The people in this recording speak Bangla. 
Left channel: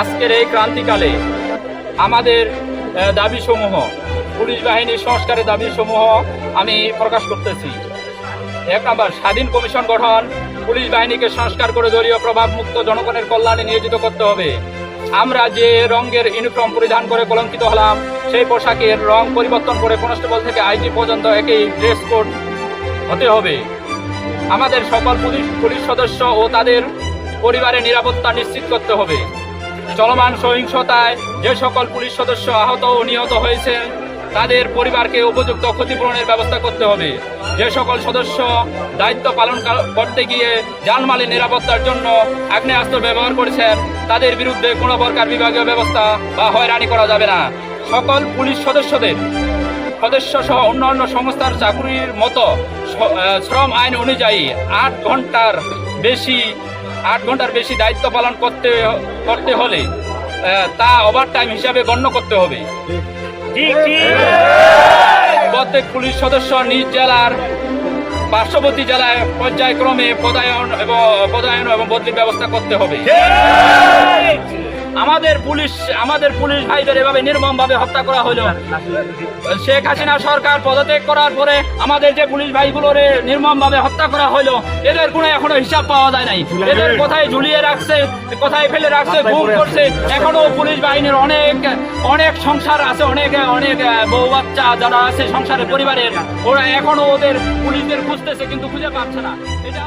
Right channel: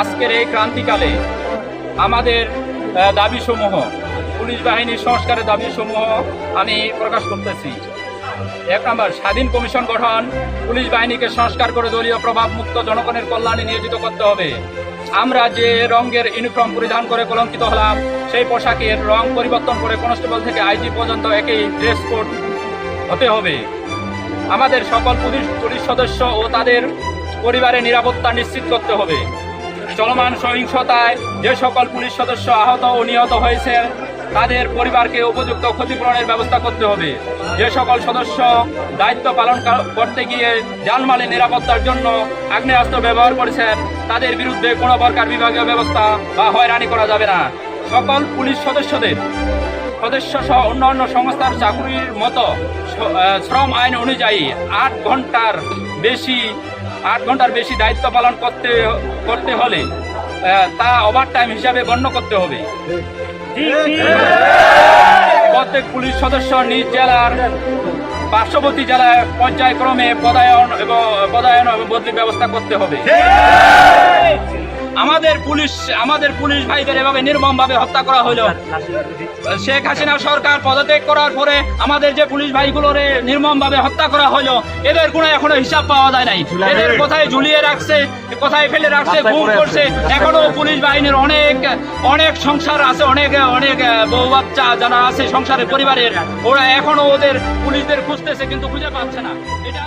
আজকের এই ক্রান্তিকালে আমাদের দাবিসমূহ, পুলিশ বাহিনীর সংস্কারের দাবিসমূহ আমি প্রকাশ করতেছি। 1 নম্বর, স্বাধীন কমিশন গঠন। পুলিশ বাহিনীকে সংস্কার করে দলীয় প্রভাব মুক্ত জনগণের কল্যাণে নিয়োজিত করতে হবে। আমরা যে রঙের ইউনিফর্ম পরিধান করে কলঙ্কিত হলাম, সেই পোশাকের রং পরিবর্তন করে কনস্টেবল থেকে আইজি পর্যন্ত একই ড্রেস কোড হতে হবে। আমাদের সকল পুলিশ সদস্য ও তাদের পরিবারের নিরাপত্তা নিশ্চিত করতে হবে। চলমান সহিংসতায় যে সকল পুলিশ সদস্য আহত ও নিহত হয়েছেন, তাদের পরিবারকে উপযুক্ত ক্ষতিপূরণের ব্যবস্থা করতে হবে। যে সকল সদস্য দায়িত্ব পালন করতে গিয়ে জানমালের নিরাপত্তার জন্য আগ্নেয়াস্ত্র ব্যবহার করেছেন, তাদের বিরুদ্ধে কোনো প্রকার বিভাগীয় ব্যবস্থা বা হয়রানি করা যাবে না। সকল পুলিশ সদস্য সহ অন্যান্য সংস্থার চাকুরির মতো শ্রম আইন অনুযায়ী 8 ঘন্টার বেশি দায়িত্ব পালন করতে হলে তা ওভারটাইম হিসাবে গণ্য করতে হবে। প্রত্যেক পুলিশ সদস্য নিজ জেলার পার্শ্ববর্তী জেলায় পর্যায়ক্রমে পদায়ন এবং বদলির ব্যবস্থা করতে হবে। আমাদের পুলিশ ভাইদের এভাবে নির্মমভাবে হত্যা করা হলো। শেখ হাসিনা সরকার পদত্যাগ করার পরে আমাদের যে পুলিশ ভাইগুলোর নির্মমভাবে হত্যা করা হলো, এদের কোনো এখনো হিসাব পাওয়া যায় নাই। এদের কোথায় ঝুলিয়ে রাখছে, কোথায় ফেলে রাখছে, গুম করছে। এখনো পুলিশ বাহিনীর অনেক সংসার আছে, অনেক বউ বাচ্চা যারা আছে সংসারের পরিবারের, ওরা এখনো ওদের পুলিশদের খুঁজতেছে, কিন্তু খুঁজে পাচ্ছে না। এটা